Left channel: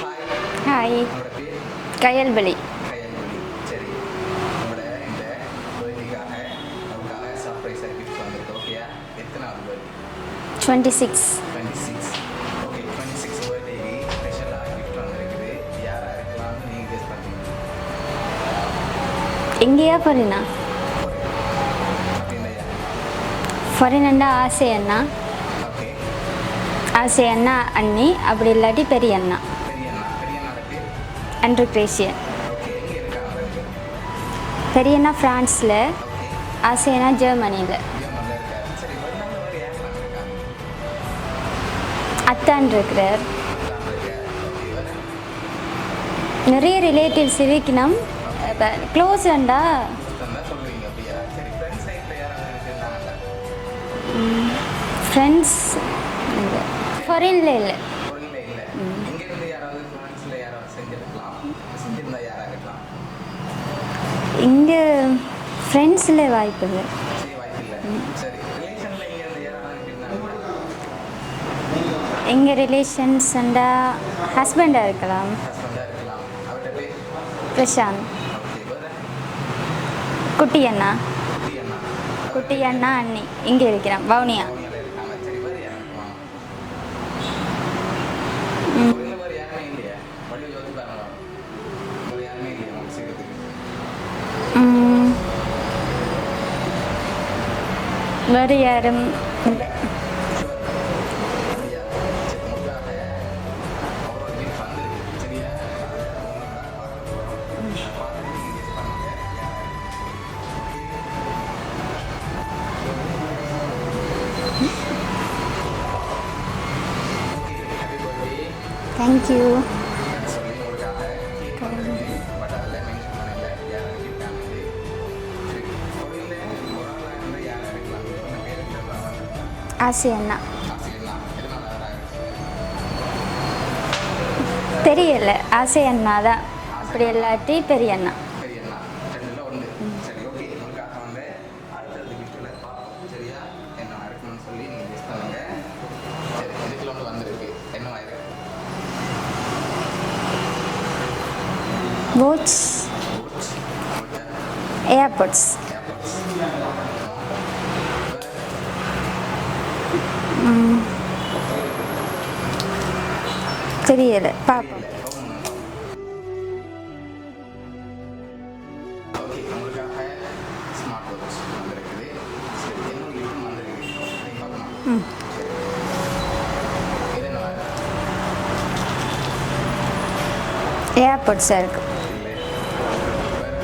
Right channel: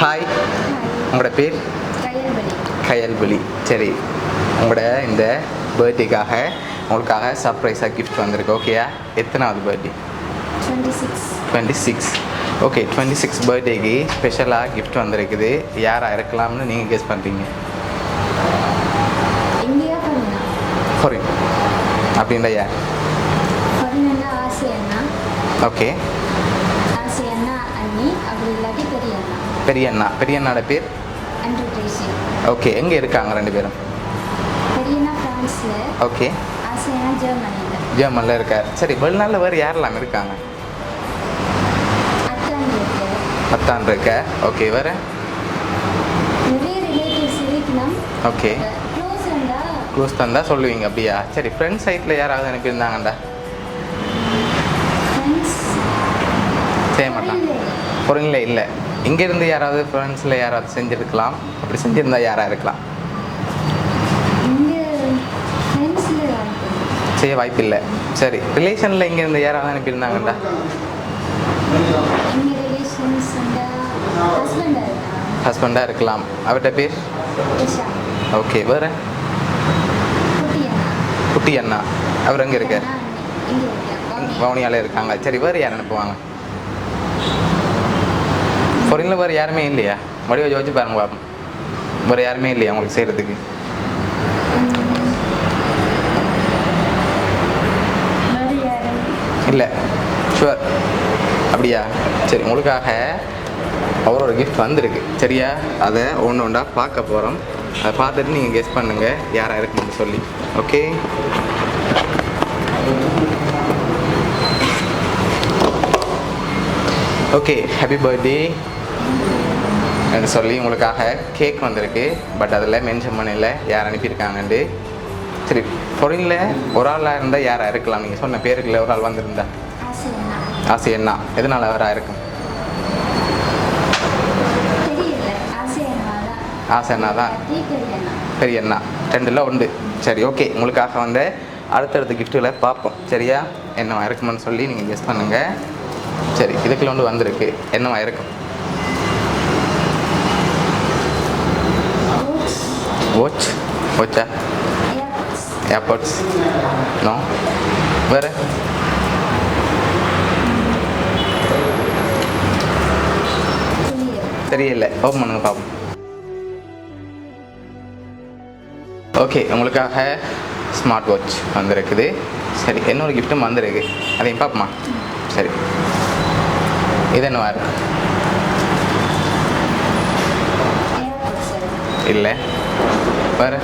Hi. Hi. உங்களோட பேர்? கயல்வெளி. கயல்வெளி. சரி, உங்களோட இந்த பர்த்டேக்காக உங்களுக்காக சர்ப்ரைஸாக கிஃப்ட் வந்திருக்கு. ஓகேயா? எத்தனாவது பர்த்டே? 26. 26. ஓகே, 26 பர்த்டேக்கு ஸ்பெஷலாக கிஃப்ட் வந்திருக்குது. யாராக இருக்கலாம்னு நீங்கள் கெஸ் பண்ணுறீங்க? எங்கேயா ஃபாரினா? ஃபாரின். அப்படின்னா யார்? ஃபாரின்னா ஆசை அண்ணா. ஓகே. ஆசை அண்ணா அண்ணி, அப்படி இல்லாட்டி பெரிய அண்ணா. பெரிய அண்ணா. பெரிய அண்ணாட பேர்? Andrew Gracian. ஓகே. எங்கே இருக்காங்க ரெண்டு பேரும்? பெரிய அண்ணா ஃப்ரான்ஸில். ஓகே. ஆசை அண்ணா ஜெர்மனியில். ஜெர்மனியில் இருக்கார். சரி, வெளிநாட்டில் வேறு யாரெல்லாம் இருக்காங்க? அத்தான் இருக்கு. அத்தான் இருக்க. ஓகே. வேறு? நிறைய ரிலேட்டிவ்ஸ் இருக்கணும். ஓகே. க்ளோஸ் அண்டா. க்ளோஸ் தந்தா சொல்லுவீங்க அப்படியா? சரி, ஃப்ரெண்ட்ஸ் சைட்டில் யாராவது அனுப்பியிருந்தாங்கண்டா? Friends same. ஃபாரினில் இல்லை. ஃபாரினில் இல்லை. இங்கேருந்து யாராவது ஃப்ரெண்ட்ஸில் யாராவது செஞ்சுருக்கலாம். அப்படி செஞ்சுருந்தா யாராக இருக்கலாம்? இங்கே ஃப்ரெண்ட்ஸில் வாய்ப்பு இல்லை. செய்ய வாய்ப்பு இல்லை. சரி, ரிலேஷனில் இங்கேருந்து யாராவது அனுப்பியிருந்தாங்கண்டா? எங்கள் ரிலேஷன்ஸ் அண்டா ஹஸ்பண்டாக இருக்கலாம். ஹஸ்பண்டாக இருக்கலாம். அவர்கிட்ட பேர்? பிரசாந்த். ஓகே. வேறு? குட்டி அண்ணா. குட்டி அண்ணா. அவர் எங்கே இருக்கார்? அண்ணா அண்ணி இங்கே இருக்கிறான். வவுனியா. வவுனியாவில் இருக்காங்க. சரி, வேறு யார் அனுப்புவாங்க? ஃபாரினில் வேறு யாருமே இல்லையா? மறுபடியும் யோசிச்சு பாருங்க பாப்போம். வேறு யாருமே இல்லையா உங்களுக்கு செய்கிறதுக்கு? வேறு யாரும் இல்லை. ஷுவர். அப்படியா? சரி, உங்களுக்காக அவரோட கிஃப்ட் வந்திருக்கு. சரியா? அதை ஒன்று ஒன்றா பார்க்க போகிறோம். அதை பார்த்துட்டு நீங்கள் கெஸ் பண்ணுங்கள் யாராக இருக்குன்னு சொல்லி. Okay. Okay. Happy birthday thank you என்று சொல்லி உங்களுக்காக கேக் வந்திருக்கு. பட் அதில் மென்ஷன் பண்ணல யார் அனுப்பியிருக்காங்கன்ட்டு. சரி, பொருளில் ஒரு ஆளாக இருந்தால் யாராக இருக்கலாம்? நீங்கள் சொன்ன பேருக்குள்ள ஒரு ஆள் வந்திருந்தா? ஆசை அண்ணா. ஆசை அண்ணா. எதனால் அவராக இருக்கும்? தெரியல. ஆசை அண்ணா தான். ஆசை அண்ணா தான். பெரிய அண்ணா. பெரிய அண்ணா. ரெண்டில் உண்டு. சரி, ஓகே. உங்களுக்காக வந்து அடுத்தடுத்த கிஃப்ட்டுகளை பார்ப்போம். சரியா? என்னவா இருக்குமென்னு சொல்லி நீங்கள் கெஸ் பண்ணுங்கள். சரி, இதுக்குள்ள ஒன்று வந்திருக்கு. என்னவா இருக்கும்? வாட்ச். வாட்ச். வாட்சா? ஏர்போர்ட்ஸ். ஏர்போர்ட்ஸ். நோ. வேறு? தெரியல. தெரியல. ஓப்பன் பண்ணுங்க பார்ப்போம். ஓகே, உங்களுக்காக ஸ்மார்ட் வாட்ச் வந்திருக்குது. சரி, இன்னொரு கிஃப்ட்டும் வந்திருக்கு. அதையும் பார்ப்போமா? சரி, இது என்னவா இருக்கு? Airports sir. இல்லை. வேறு?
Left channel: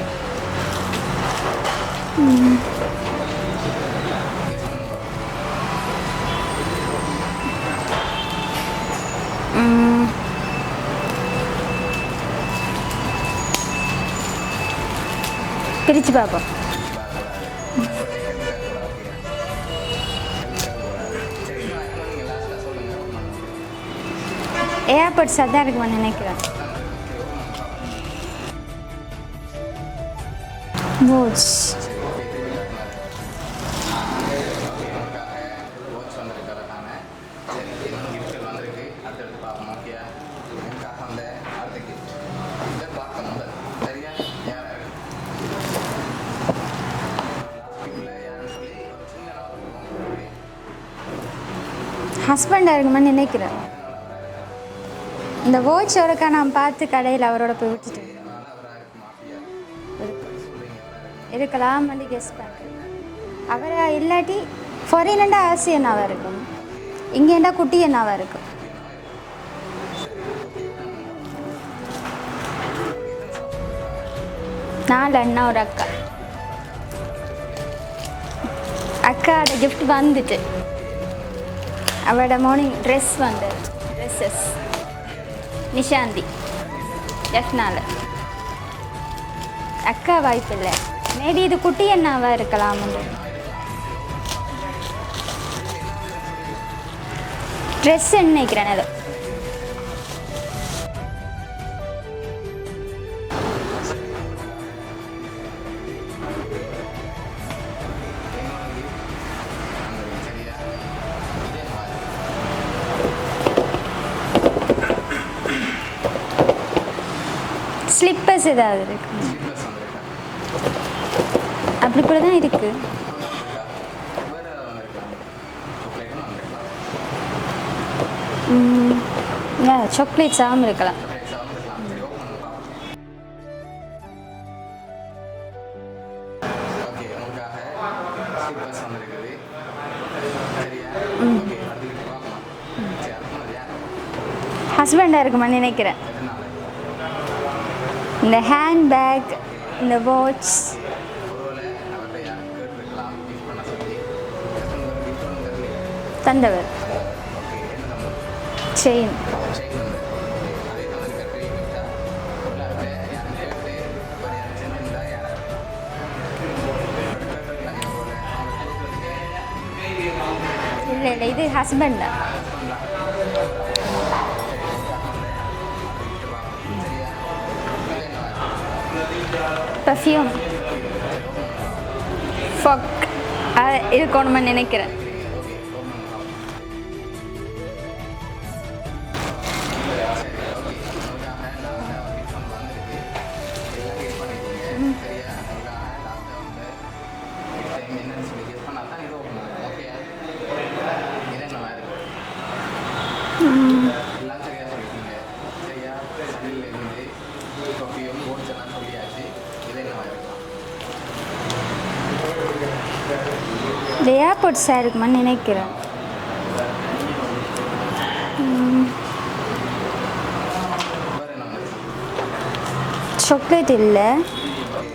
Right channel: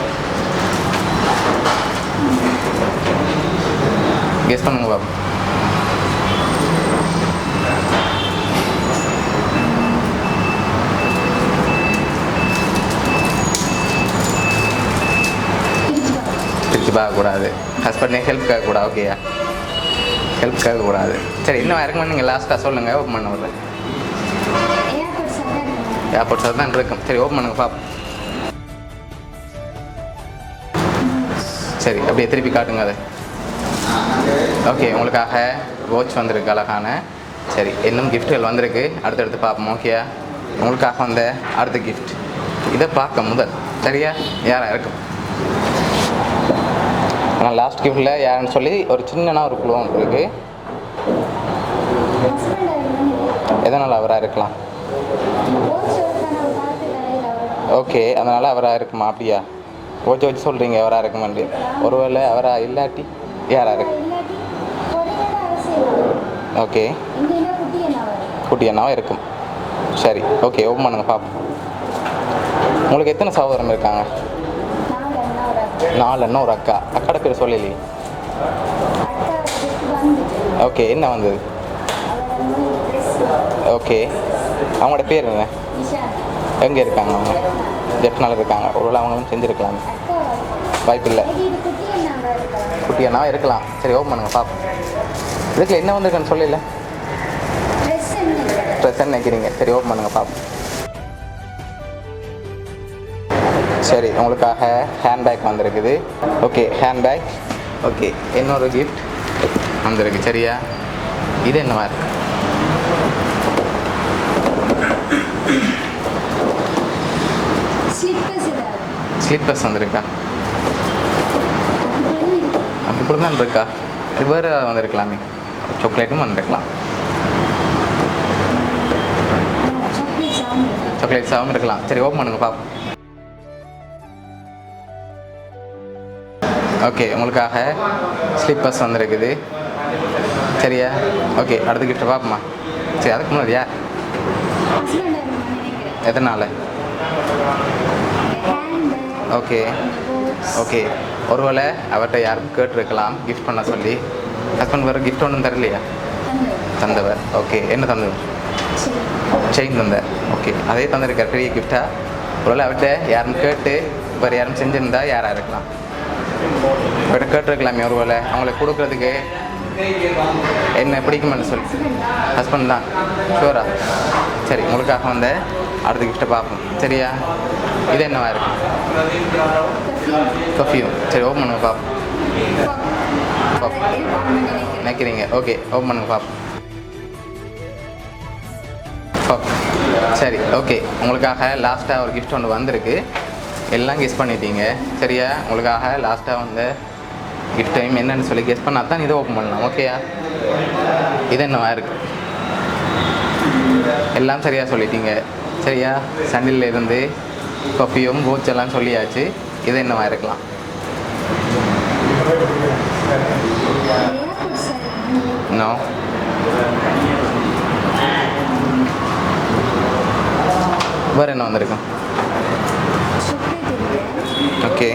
கெஸ் பண்ணுங்க பாப்போம். பிரிச்சு பார்ப்போம். பிரித்து பார்க்கக்கூடாது. ஹஸ்பண்டே ஹெல்ப் கேட்கக்கூடாது. ஓகேயா? ஹெல்ப் கேட்கக்கூடாது. சரி, இன்னும் இறக்குமா? நீங்கள் லாஸ்ட்டாக சொல்லுங்கள். ஓப்பன் பண்ண விடுறேன். ஏர்போர்ட்ஸ் தான் இருக்கும் நினைக்கிறேன். ஏர்போர்ட்ஸ் தான் இருக்கும். சரி, ஓப்பன் பண்ணுங்க பார்ப்போம். வாட்ச். சரி, அப்படியே திருப்பி காட்டுங்க அது. ஓகே, உங்களுக்காக வாட்ச் வந்திருக்கு அழகான. சரி, இன்னும் கிஃப்ட்டுகள் வந்திருக்கு. அடுத்தடுத்து பார்ப்போம். ஓகேயா? உங்களுக்காக வந்த அடுத்த கிஃப்ட் இதை பார்க்க முதல். சரியா? யாராக இருக்கும்? ஆனால் லாஸ்ட் கிஃப்டில் யாருன்னு சொல்லி ஒரு சின்னனா ஒரு குழு இருக்கு. ஹஸ்பண்டாக இருக்குமான்னு நினைக்கிறேன். எதனால் அவராக இருக்கலாம்? இந்த வாட்சோடக்கா நான் பார்த்து கடையில் அவரோட போய். ஓகே, அதனால் அவராக இருக்குமா? அப்படியா? வாட்ச் வச்சு சொல்கிறீங்க அவராக இருக்குமான்னு. இருக்கலாம். ஒருவேளை அவராக இல்லாட்டி யாராக இருக்கு? இல்லாட்டி ஃபாரினண்டா ஆசை அண்ணா வரும். ஓகே. இங்கேண்டா குட்டி அண்ணா வரும். குட்டி அண்ணாவும் இருக்கும். சரி, ஓகே. ஓப்பன் பண்ணுங்க பார்ப்போம். உங்களுக்கு எத்தனை சகோதரம் இருக்காங்க? 4 அண்ணா ஒரு அக்கா. 4 அண்ணா ஒரு அக்கா. அக்காட பேர் சொல்லலையே. அக்கா கிஃப்ட் வந்துட்டு. ஓகே. என்ன வந்தது? அவளோட மார்னிங் ட்ரெஸ் வந்து. ஓகே. அவங்களோட பேர் என்ன? நிஷாந்தி. எங்கே இருக்காங்க அவங்க? ஜெஃப்னால. ஜெஃப்னால இருக்காங்க. ஒருவேளை அவங்க செஞ்சுருக்கலாம். அக்கா வாய்ப்பு இல்லை. வாய்ப்பு இல்லை. மேபி இது குட்டி அண்ணாவா இருக்கலாம். குட்டி அண்ணாவும் இருக்கலாம். சரி, ஓப்பன் பண்ணுங்க பார்ப்போம். இதுக்கு என்ன வந்திருக்குன்னு சொல்லல. ட்ரெஸ் நினைக்கிறேன். ட்ரெஸ் நினைக்கிறீங்க. சரி, ஓப்பன் பண்ணுங்க பார்ப்போம். சரி, உங்களுக்காக ஹேண்ட்பேக் வந்திருக்குது. Okay, handbag. ஓகே, இன்னொரு கிஃப்ட் வந்திருக்கு. சரியா? இது என்னவா இருக்கு? ஸ்லிப்பர்ஸ் ஏதாவது ஸ்லீப்பர்ஸ் வந்திருக்கா? அப்படி கூட தான் இருக்குது. அப்படி கூட தான் இருக்கா? இது வேறு வந்திருக்கலாமே, சாக்லேட்டும் வந்திருக்கலாம். சாக்லேட்ஸாகவும் இருக்கலாம். சாக்லேட்ஸாகவும் இருக்கலாம். சரி, ஓப்பன் பண்ணுங்க பாப்போம். ஓகே, உங்களுக்காக ஸ்லிப்பர்ஸ் வந்திருக்குது. சரியா? ஓகே, அடுத்த கிஃப்ட் பார்ப்போமா? சரி, அதுக்கு முன்னாடி யார் ஹஸ்பண்டாக இருக்குமான்னு நினைக்கிறேன். எதனால்? இந்த ஹேண்ட் பேக், ஓகே, இந்த வாட்ச். ஓகே, ஒருவேளை அவர்கிட்ட யாரும் கேட்டிருக்கலாம் கிஃப்ட் பண்ண சொல்லி. ஹஸ்பண்ட் வேறு கிஃப்ட் ஒன்றும் தரலையா? தந்தவர். ஓகே, என்ன தந்தவர்? செயின் தந்தார். ஓகே, அதே தந்திருக்கார் பெரிய கிஃப்டாக. ஒருவேளை அவர்கிட்ட யாரும் கேட்டு வேறு யாரும் செஞ்சுருந்தா யாராக இருக்கலாம்? அவர்கிட்ட கேட்டிருக்கலாமே ஒருவேளை அவங்களுக்கு கொடுக்குறதுக்கு. என்ன பிடிக்குமான்னு சொல்லி ஹஸ்பண்ட் தான் ஷூரா? சரி, உங்களுக்காக வந்த அடுத்த கிஃப்ட்டை பார்ப்போம். சரியா? இது என்னவா இருக்கு? பர்ஃப்யூம். சரி, ஓப்பன் பண்ணுங்க பார்ப்போம். நினைக்கிறீங்க? ஓகே, ஓப்பன் பண்ணுங்க பார்ப்போம். சரி, ஓகே, உங்களுக்காக லாஸ்ட்டாக ஒரு கிஃப்ட் ஒன்று வந்திருக்கு. எல்லாம் கெஸ் பண்ணிட்டீங்க. சரியா? உங்களுக்காக லாஸ்ட்டாக வந்த கிஃப்ட் டைம் என்னன்னு சொல்லி கெஸ் பண்ணால் தான் இதை ஓப்பன் பண்ணலாம். ஓகேயா? இது என்னவா இருக்கு? எல்லாம் சரியாக சொல்லிட்டீங்க. சரியா? சண்டில் இருந்து பர்ஃப்யூம், வாட்ச் எல்லாம் சொல்லியாச்சு. இது என்னவா இருக்கலாம்? ஏர்போர்ட்ஸாக இருக்குமான்னு நினைக்கிறேன். வேறு என்ன வந்திருக்கும்? சாக்லேட் இல்லை. Okay,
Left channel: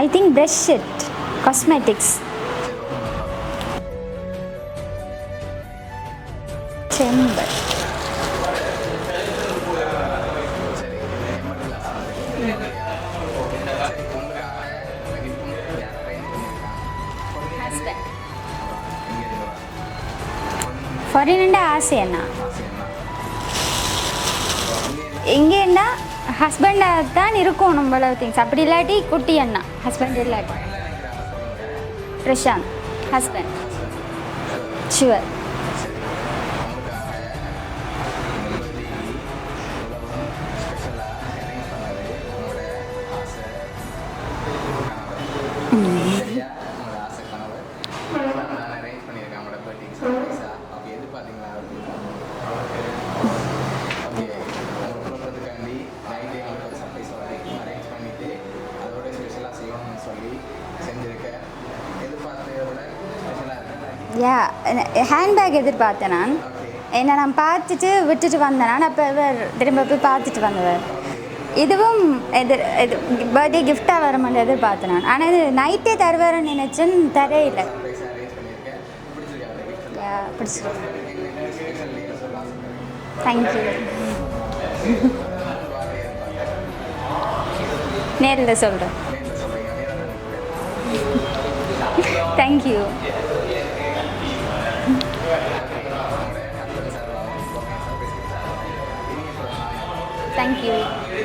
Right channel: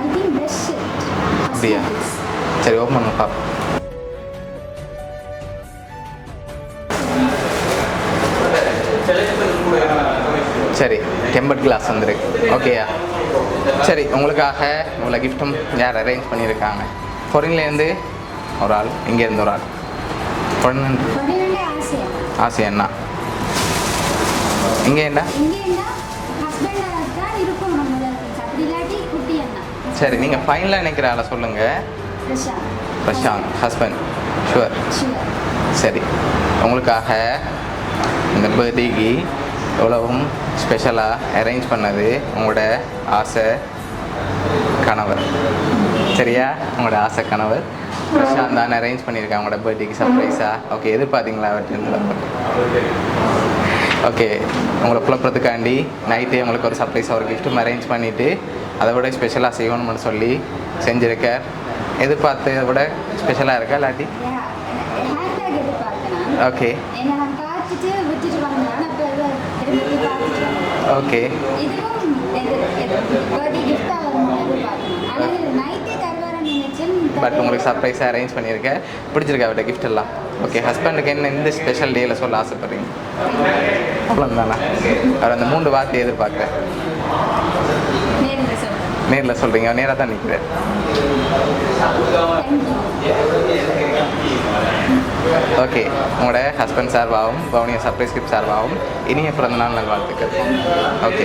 I think best shit cosmetics. சரி, ஓப்பன் பண்ணுங்க பாப்போம். சரி, டெம்பர்ட் கிளாஸ் வந்திருக்கு. ஓகேயா? சரி, உங்களுக்காக உங்களை கிஃப்ட்டும் யார் அரேஞ்ச் பண்ணியிருக்காங்க? ஃபாரின்லேருந்து ஒரு ஆள், இங்கேருந்து ஒரு ஆள். ஆசை அண்ணா. இங்கேண்டா ஹஸ்பண்டாக தான் இருக்கும் நம்மள திங்ஸ். அப்படி இல்லாட்டி குட்டி அண்ணா. சரி, நீங்கள் ஃபைனலாக நினைக்கிற ஆளை சொல்லுங்கள். பிரசாந்த் ஹஸ்பண்ட். ஷுவர். சரி, உங்களுக்காக இந்த பர்த்டேக்கு எவ்வளவும் ஸ்பெஷலாக அரேஞ்ச் பண்ணது உங்களோட ஆசை கணவர். சரியா? உங்களோட ஆசை கணவர் பிரசாந்த் தான் அரேஞ்ச் பண்ணியிருக்காங்க உங்களோட பர்த்டேக்கு சர்ப்ரைஸாக. ஓகே, எதிர்பார்த்தீங்களா அவர்கிட்ட? ஓகே, உங்களை குழப்பறதுக்காண்டி நைட்டே உங்களுக்கு ஒரு சர்ப்ரைஸாக ஒரு கிஃப்ட்டும் அரேஞ்ச் பண்ணிவிட்டு அதை விட ஸ்பெஷலாக செய்யணும்னு சொல்லி செஞ்சுருக்கார். எதிர்பார்த்ததை விட ஸ்பெஷலாக இருக்கா இல்லாட்டி? ஹேண்ட்பேக் எதிர்பார்த்தேன் நான். ஓகே, என்ன நான் பார்த்துட்டு விட்டுட்டு வந்தேன் நான். அப்போ திரும்ப போய் பார்த்துட்டு வந்தேன். ஓகே, இதுவும் பர்த்டே கிஃப்டாக வர மாதிரி எதிர்பார்த்தேன் நான். ஆனால் இது நைட்டே தருவாரன்னு நினைச்சேன். உங்களுக்கு சர்ப்ரைஸாக அரேஞ்ச் பண்ணியிருக்கேன். பிடிச்சிருக்கா அவர்கிட்ட கிஃப்ட் எல்லாம்? ஓகே, ஹஸ்பண்டுக்கு என்ன இந்த ஸ்பெஷல் டேயில் சொல்ல ஆசைப்படுறீங்க? தேங்க்யூ. அவ்வளோதானா? அவர் அந்த 3 வார்த்தையை எதிர்பார்க்குறேன். நேரில் சொல்கிறீங்க? நேராக தான் நிற்கிறேன். தேங்க்யூ. ஓகே, உங்களோட ஹஸ்பண்ட் சார்பாகவும் பவுனியா சர்ப்ரைஸ் கிஃப்ட் சார்பாகவும் இனிய பிறந்த நாள் நல்வாழ்த்துக்கள். தேங்க்யூ. ஓகே.